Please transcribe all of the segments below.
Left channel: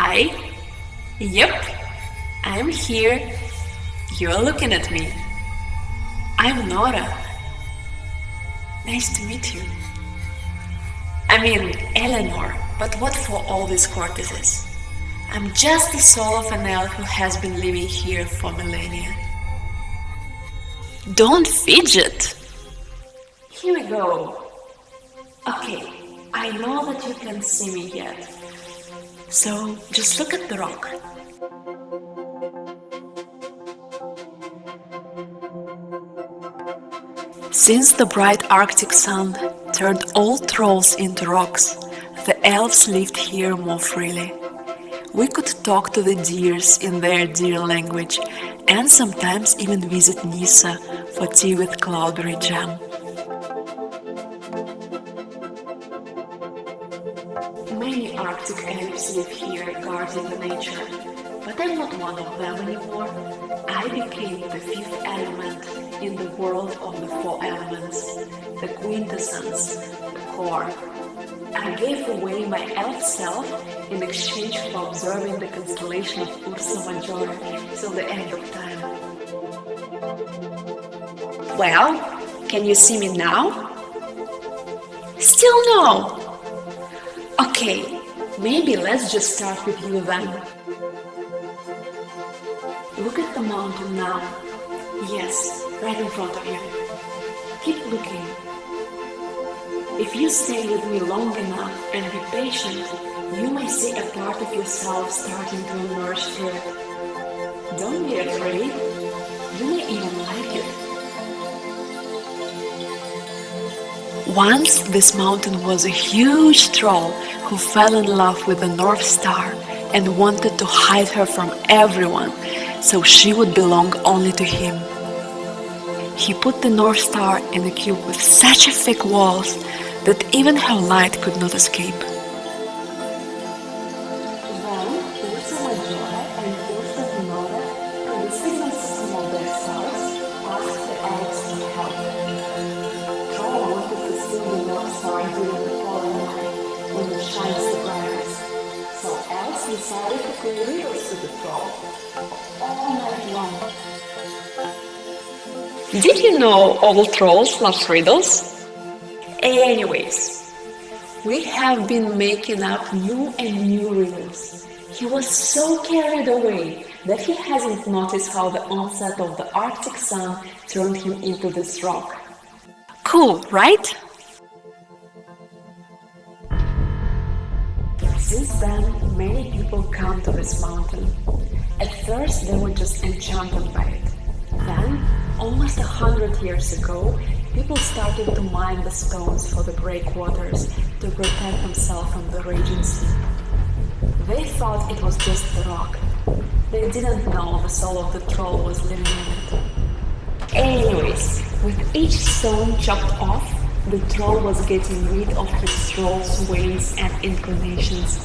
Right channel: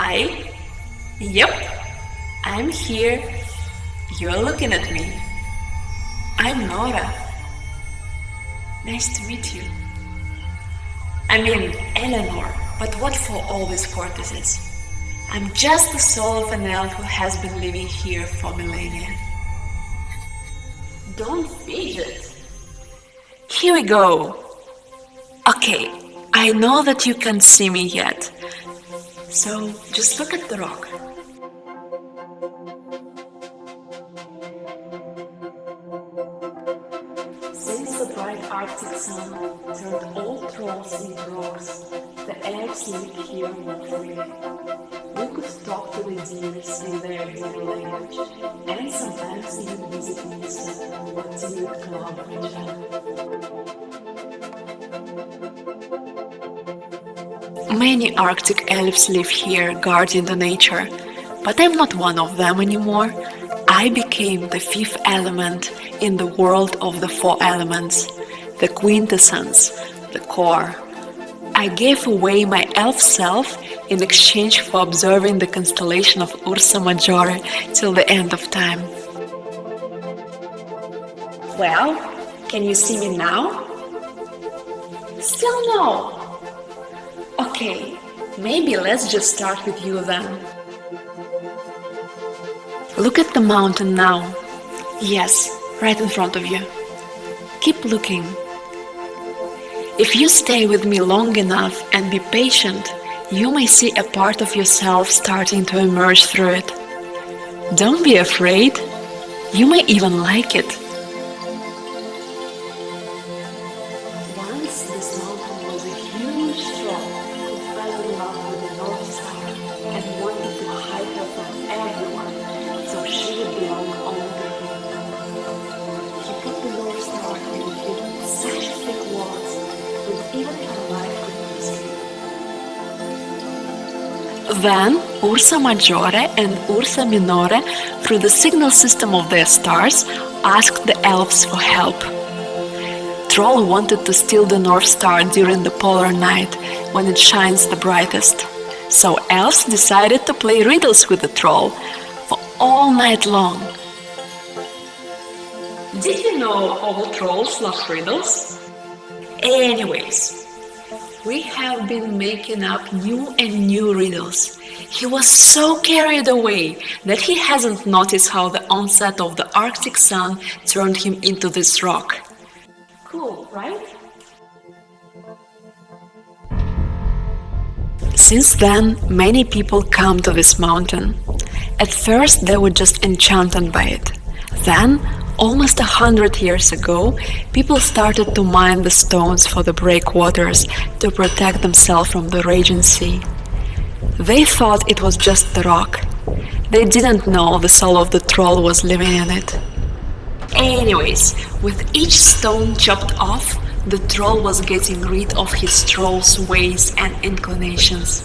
Hi. Yep, I'm here. You're looking at me. I'm Nora. Nice to meet you. I mean, Eleanor, but what for all these courtesies? I'm just the soul of an elf who has been living here for millennia. Don't fidget. Here we go. Okay, I know that you can't see me yet, so just look at the rock. Since the bright Arctic sun turned all trolls into rocks, the elves lived here more freely. We could talk to the deers in their deer language and sometimes even visit Nisa for tea with cloudberry jam. Many Arctic elves live here guarding the nature, but I'm not one of them anymore. I became the fifth element in the world of the four elements, the quintessence, the core. I gave away my elf self in exchange for observing the constellation of Ursa Majore till the end of time. Well, can you see me now? Still no. Okay, maybe let's just start with you then. Look at the mountain now. Yes, right in front of you. Keep looking. If you stay with me long enough and be patient, you may see a part of yourself starting to emerge through it. Don't be afraid. You may even like it. Once this mountain was a huge troll who fell in love with the North Star and wanted to hide her from everyone so she would belong only to him. He put the North Star in a cube with such thick walls that even her light could not escape. Then Ursa Majore and Ursa Minore, through the signal system of their stars, asked the elves for help. Troll wanted to steal the North Star during the polar night, when it shines the brightest. So elves decided to play riddles with the troll for all night long. Did you know all trolls love riddles? Anyways, we have been making up new and new riddles. He was so carried away that he hasn't noticed how the onset of the Arctic sun turned him into this rock. Cool, right? Since then, many people come to this mountain. At first, they were just enchanted by it. Then, almost 100 years ago, people started to mine the stones for the breakwaters to protect themselves from the raging sea. They thought it was just the rock. They didn't know the soul of the troll was living in it. Anyways, with each stone chopped off, the troll was getting rid of his troll's ways and inclinations.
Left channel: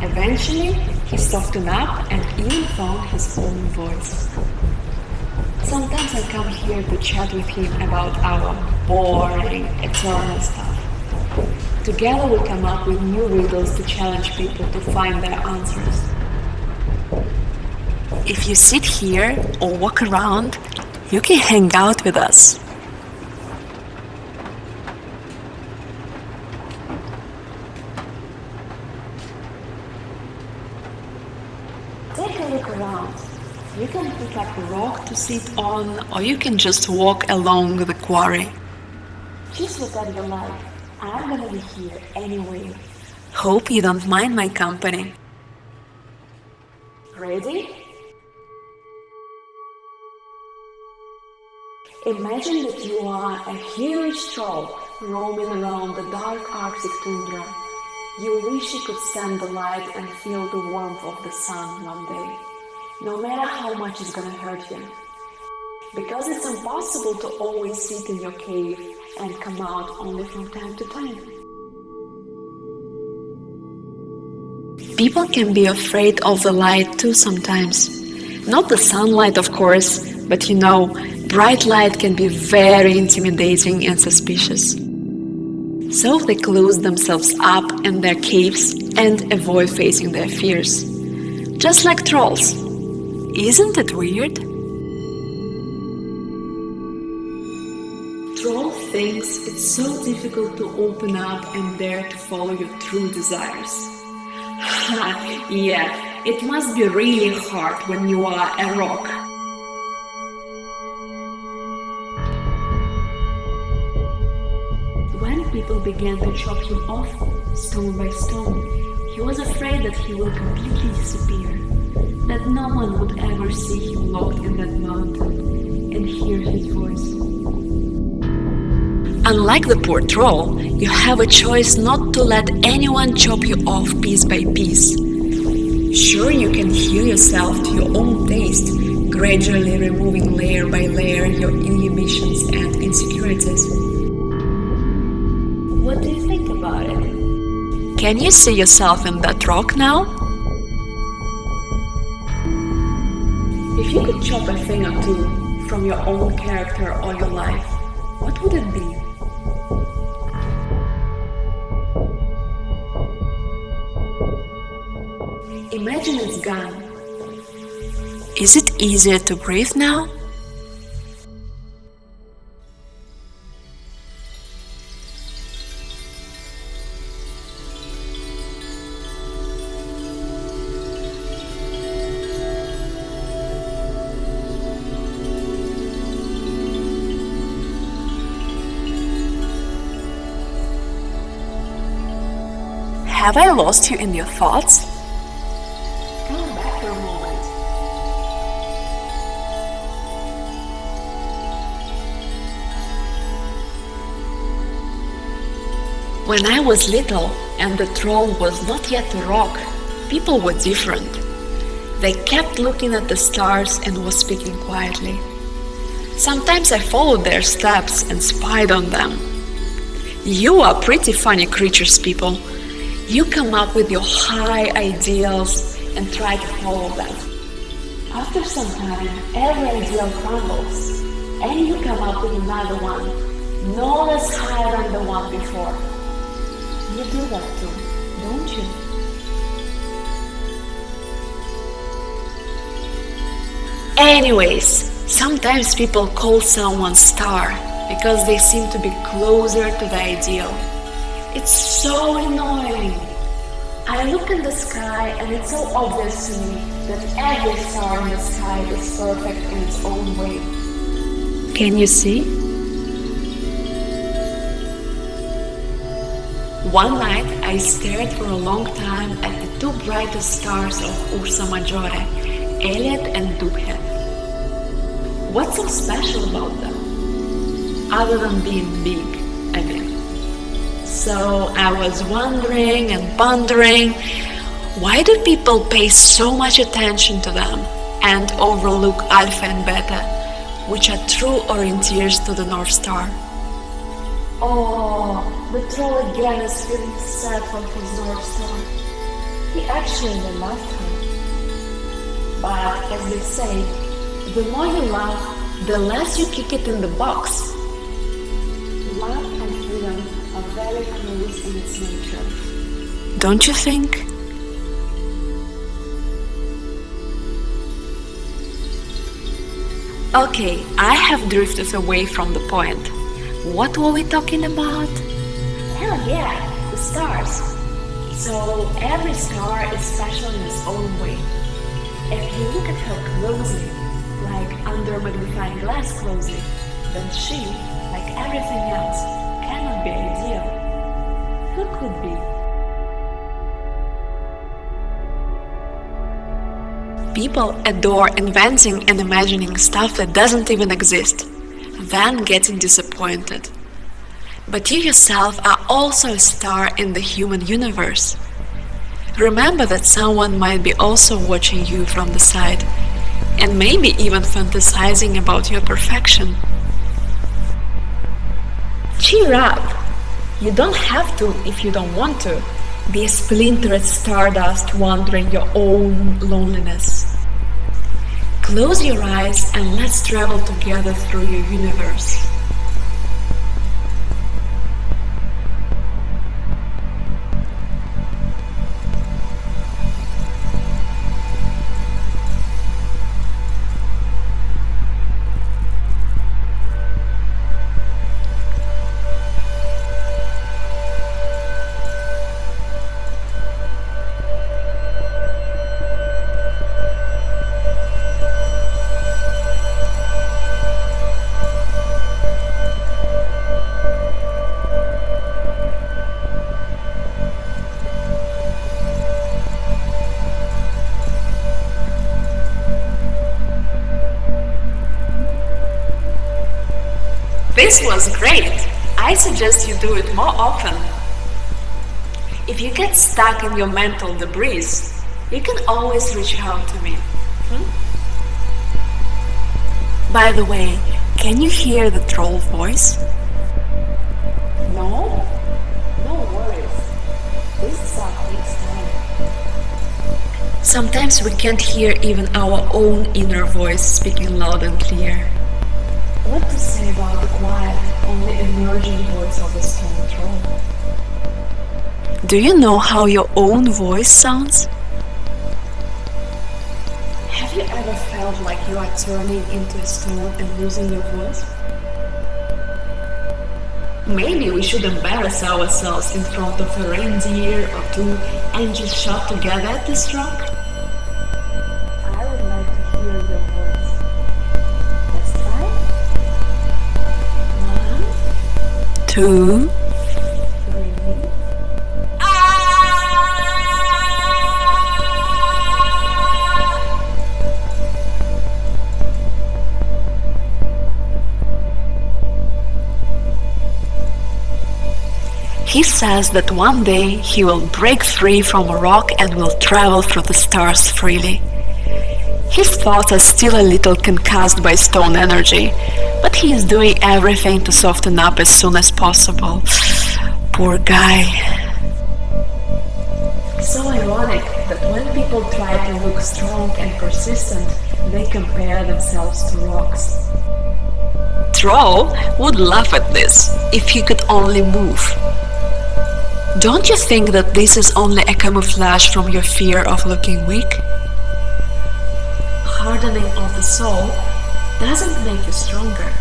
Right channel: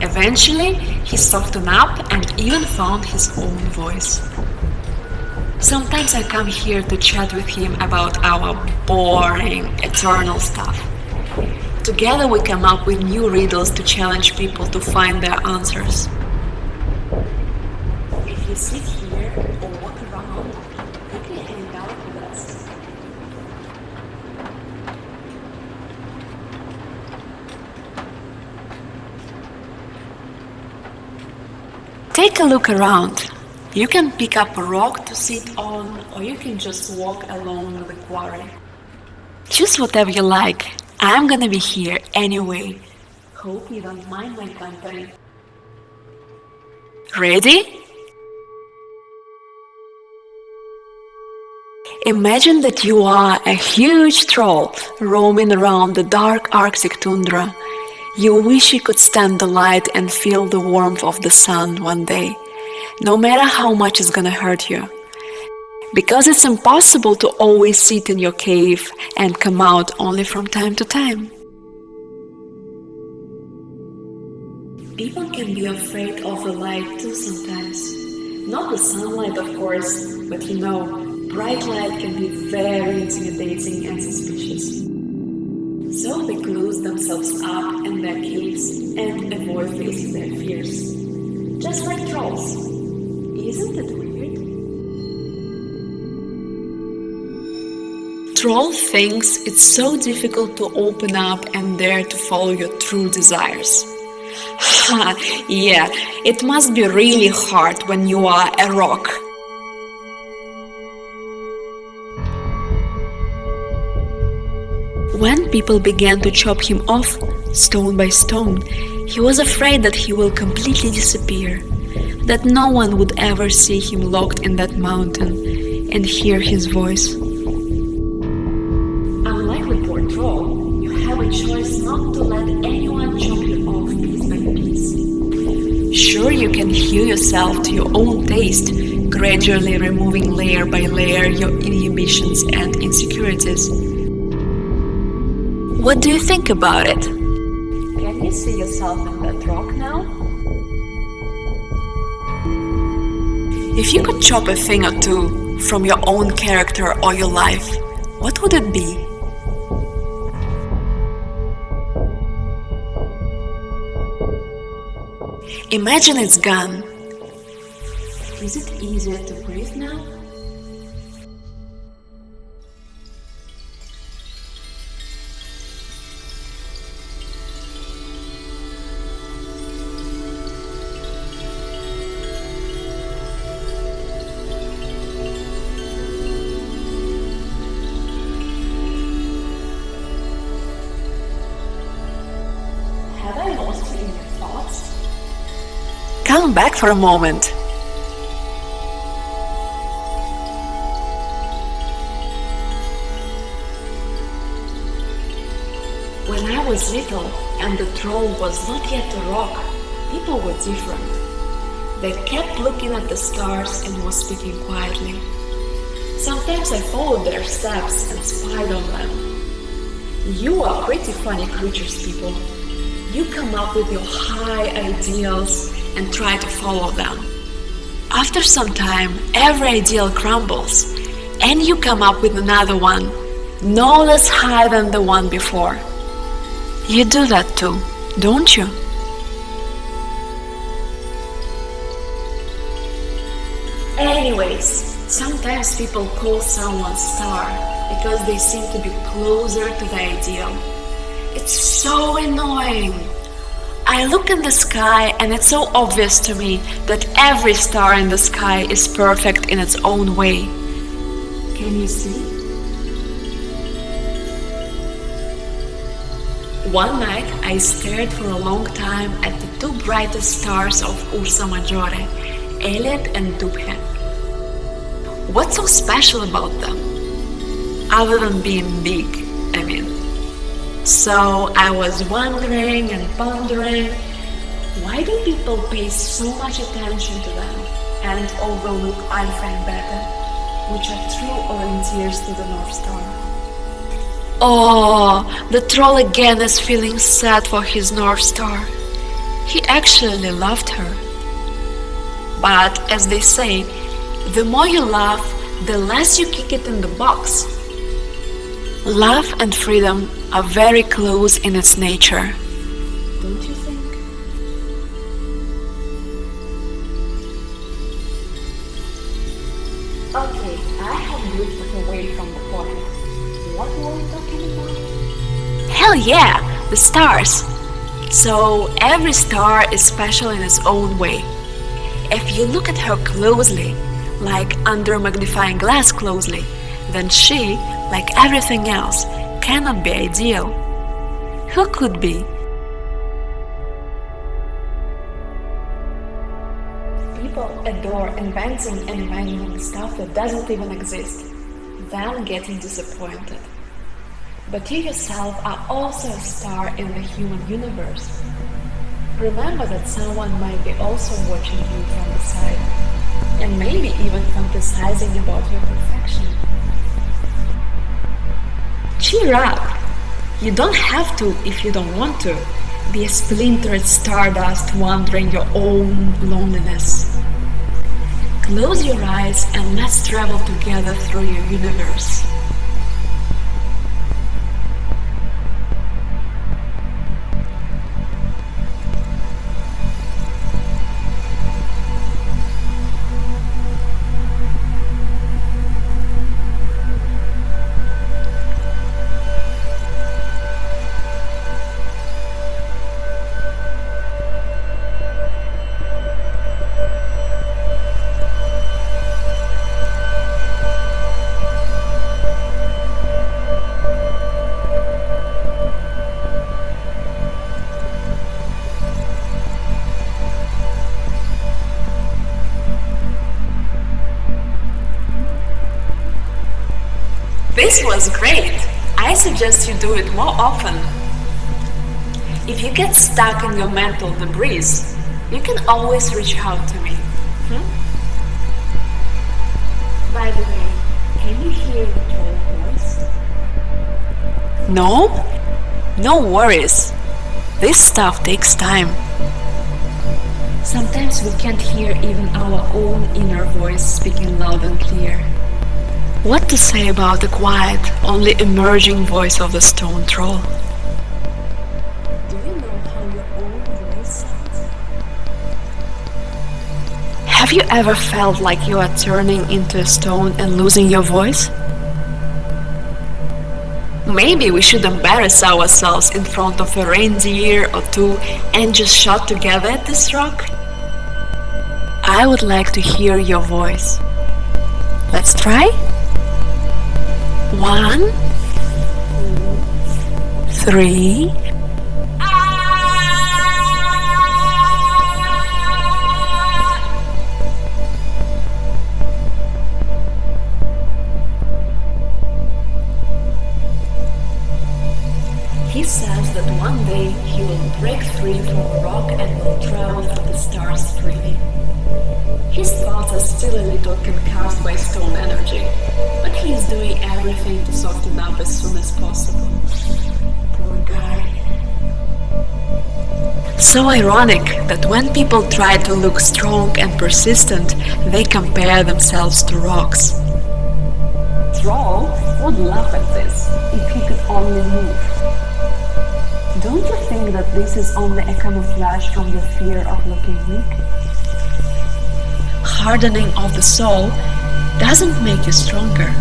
Eventually, he softened up and even found his own voice. Sometimes I come here to chat with him about our boring, eternal stuff. Together we come up with new riddles to challenge people to find their answers. If you sit here or walk around, you can hang out with us. Take a look around. You can pick up a rock to sit on, or you can just walk along the quarry. Choose whatever you like. I'm gonna be here anyway. Hope you don't mind my company. Ready? Imagine that you are a huge troll roaming around the dark Arctic tundra. You wish you could stand the light and feel the warmth of the sun one day, no matter how much it's gonna hurt you. Because it's impossible to always sit in your cave and come out only from time to time. People can be afraid of the light too sometimes. Not the sunlight, of course, but you know, bright light can be very intimidating and suspicious. So they close themselves up in their caves and avoid facing their fears. just like trolls. Isn't it weird? Troll thinks it's so difficult to open up and dare to follow your true desires. Ha, yeah, it must be really hard when you are a rock. When people began to chop him off, stone by stone, he was afraid that he will completely disappear, that no one would ever see him locked in that mountain and hear his voice. Unlike the poor troll, you have a choice not to let anyone chop you off piece by piece. Sure, you can heal yourself to your own taste, gradually removing layer by layer your inhibitions and insecurities. What do you think about it? Can you see yourself in that rock now? If you could chop a thing or two from your own character or your life, what would it be? Imagine it's gone. Is it easier to breathe now? Have I lost you in your thoughts? Come back for a moment. When I was little and the troll was not yet a rock, people were different. They kept looking at the stars and was speaking quietly. Sometimes I followed their steps and spied on them. You are pretty funny creatures, people. You come up with your high ideals and try to follow them. After some time, every ideal crumbles, and you come up with another one, no less high than the one before. You do that too, don't you? Anyways, sometimes people call someone star because they seem to be closer to the ideal. It's so annoying. I look at the sky and it's so obvious to me that every star in the sky is perfect in its own way. Can you see? One night I stared for a long time at the two brightest stars of Ursa Majore, Elliot and Dubhe. What's so special about them? Other than being big, I mean. So I was wondering and pondering, why do people pay so much attention to them and overlook Alpha and Beta, which are true orienteers to the North Star? Oh, the troll again is feeling sad for his North Star. He actually loved her. But as they say, the more you love, the less you kick it in the box. Love and freedom are very close in its nature, don't you think? Okay, I have drifted away from the point. What were we talking about? Hell yeah, the stars! So every star is special in its own way. If you look at her closely, like under a magnifying glass closely, then she, like everything else, cannot be ideal. Who could be? People adore inventing and imagining stuff that doesn't even exist, then getting disappointed. But you yourself are also a star in the human universe. Remember that someone might be also watching you from the side, and maybe even fantasizing about your perfection. Cheer up! You don't have to if you don't want to be a splintered stardust wandering your own loneliness. Close your eyes and let's travel together through your universe. This was great! I suggest you do it more often. If you get stuck in your mental debris, you can always reach out to me. By the way, can you hear the troll voice? No? No worries. This stuff takes time. Sometimes we can't hear even our own inner voice speaking loud and clear. What to say about the quiet, only emerging voice of the stone troll? Do you know how your own voice sounds? Have you ever felt like you are turning into a stone and losing your voice? Maybe we should embarrass ourselves in front of a reindeer or two and just shout together at this rock? I would like to hear your voice. Let's try? 1, 2, 3. He says that one day he will break free from a rock and will travel through the stars freely. His thoughts are still a little concussed by stone energy, but he is doing everything to soften up as soon as possible. Poor guy. So ironic that when people try to look strong and persistent, they compare themselves to rocks. Troll would laugh at this if he could only move. Don't you think that this is only a camouflage from your fear of looking weak? Hardening of the soul doesn't make you stronger.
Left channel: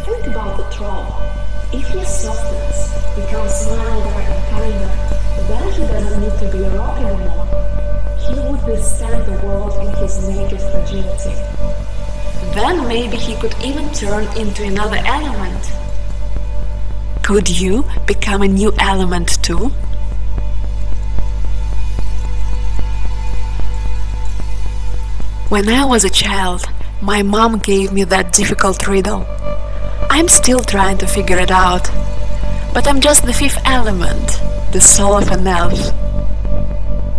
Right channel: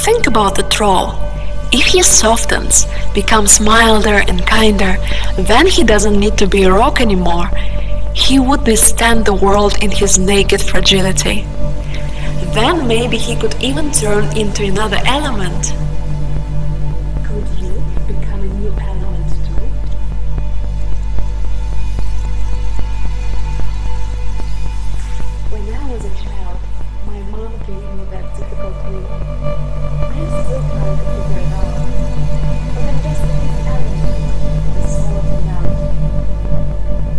Think about the troll. If he softens, becomes milder and kinder, then he doesn't need to be a rock anymore. He would withstand the world in his naked fragility. Then maybe he could even turn into another element. Could you become a new element too? When I was a child, my mom gave me that difficult riddle. I'm still trying to figure it out, but I'm just the fifth element, the soul of an elf.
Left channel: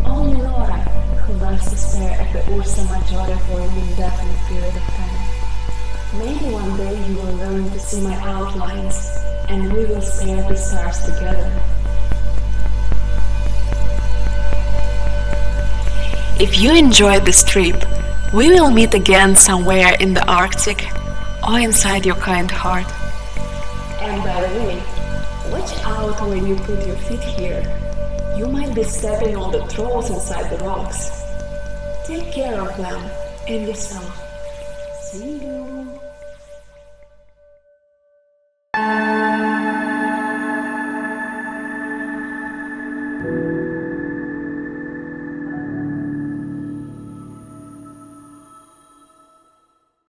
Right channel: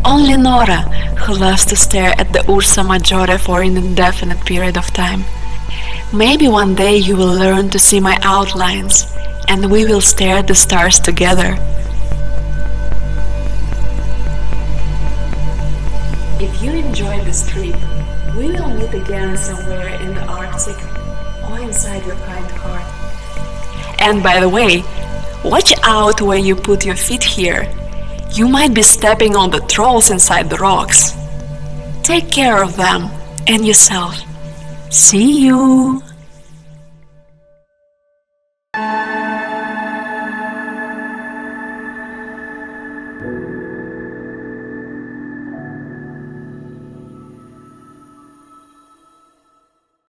Only Nora, who loves to stare at the URSA Maggiore for an indefinite period of time. Maybe one day you will learn to see my outlines, and we will stare at the stars together. If you enjoyed this trip, we will meet again somewhere in the Arctic or inside your kind heart. And by the way, watch out where you put your feet here. You might be stepping on the trolls inside the rocks. Take care of them and yourself. See you!